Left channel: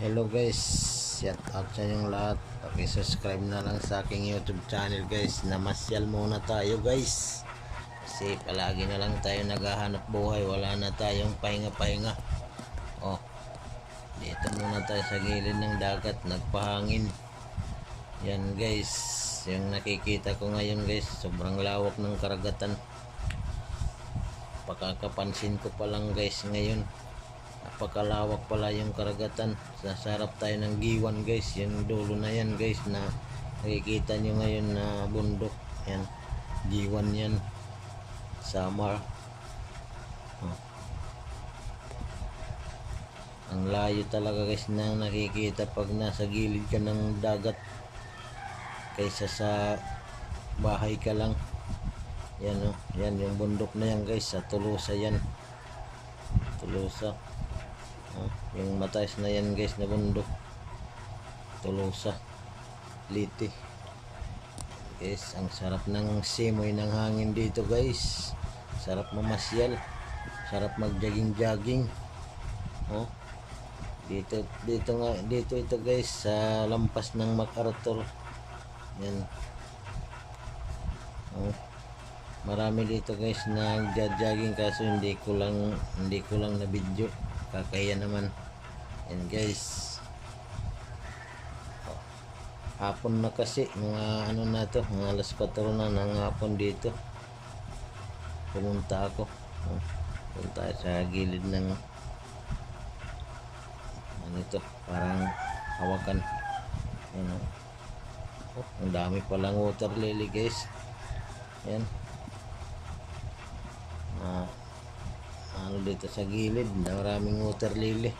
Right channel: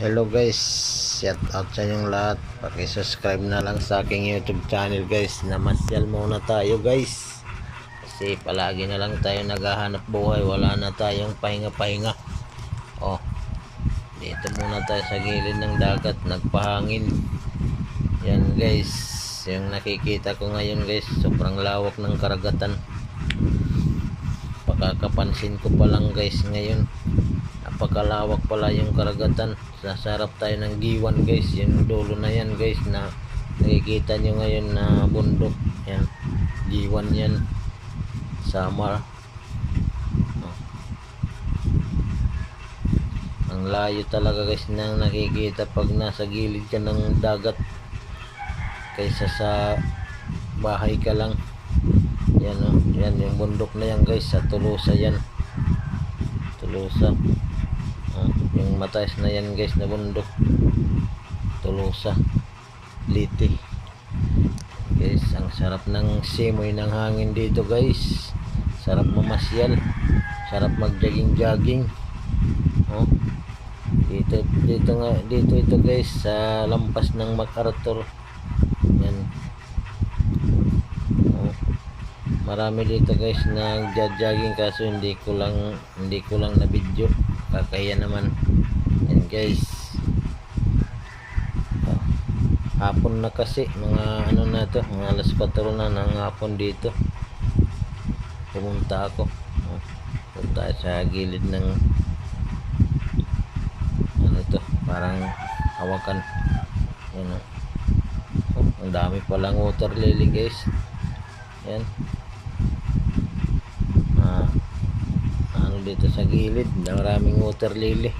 Hello guys, shout out sa inyong lahat. Paki-subscribe na lang sa aking YouTube channel guys. Namasyal muna tayo guys. Kasi palagi na lang tayo naghahanap buhay. Wala na tayong pahinga-pahinga. Oh, dito muna tayo sa gilid ng dagat. Nagpahangin. Yan guys, yung nakikita ko ngayon guys. Sobrang lawak ng karagatan. Pagkakapansin ko pa lang guys ngayon napakalawak pala yung karagatan. Sasarap tayo ng giwan guys. Yung dulo na yan guys na nakikita nyo ngayon na bundok. Yan. Giwan yan. Samar. Oh. ang layo talaga guys na nakikita pag nasa gilid ka ng dagat kaysa sa bahay ka lang. Yan oh. Yan yung bundok na yan guys sa Tulusa yan. Tulusa Ah, yung mataas na yan guys na bundok. Tolosa. Liti. Guys ang sarap ng simoy ng hangin dito guys. Sarap mamasyal. Sarap mag jogging jogging oh. dito dito nga dito ito guys sa lampas ng MacArthur yan. Oh. marami dito guys na jogging kaso hindi ko lang hindi ko lang na video kakahiya naman. Yan guys. Oh. hapon na kasi. Mga ano na to. Mga alas 4 na ng hapon dito. Pumunta ako. Oh. punta sa gilid ng ano to. Parang hawakan. Yan oh. oh. Ang dami palang water lily guys. Yan ah dito sa gilid maraming water lily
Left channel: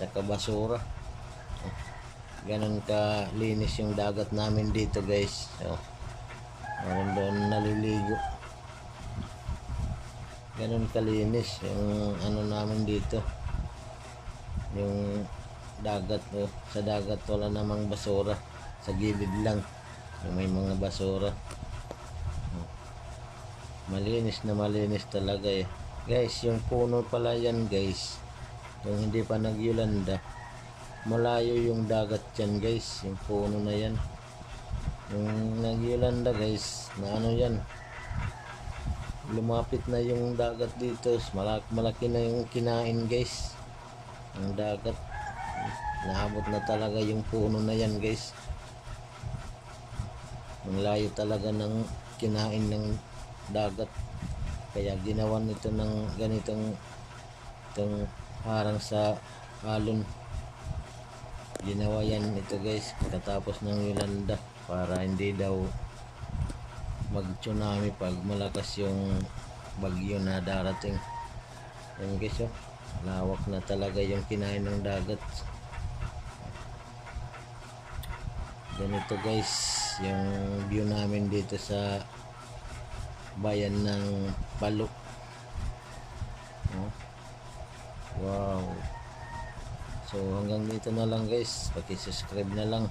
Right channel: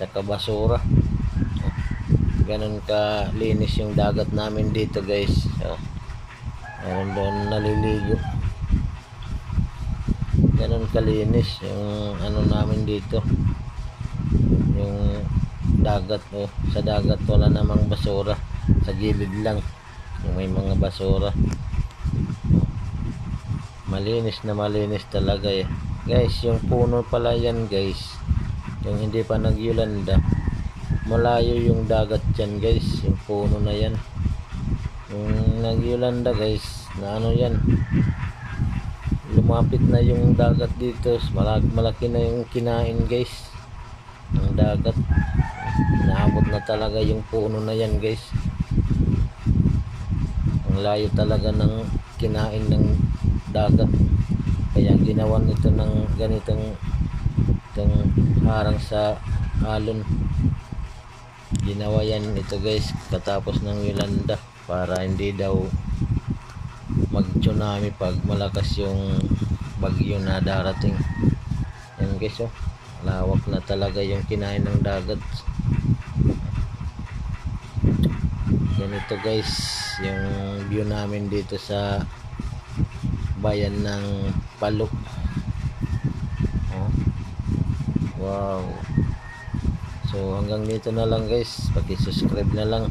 tsaka basura. Ganun ka linis yung dagat namin dito guys. So, meron doon naliligo. Ganun kalinis yung ano namin dito. Yung dagat oh, sa dagat wala namang basura. Sa gilid lang yung may mga basura. Malinis na malinis talaga eh guys yung puno pala yan guys. Yung hindi pa nagyulanda malayo yung dagat yan guys. Yung puno na yan. Yung nagyulanda guys na ano yan? Lumapit na yung dagat dito. Malaki, malaki na yung kinain guys. Ng dagat. Naabot na talaga yung puno na yan guys. Ang layo talaga ng kinain ng dagat kaya ginawan ito ng ganitong itong harang sa alon. Ginawa yan ito guys katapos ng Yolanda para hindi daw mag tsunami pag malakas yung bagyo na darating. Yan guys oh. Lawak na talaga yung kinain ng dagat. Ganito guys yung view namin dito sa bayan ng Palo. Oh. wow. So hanggang dito na lang guys. Paki-subscribe na lang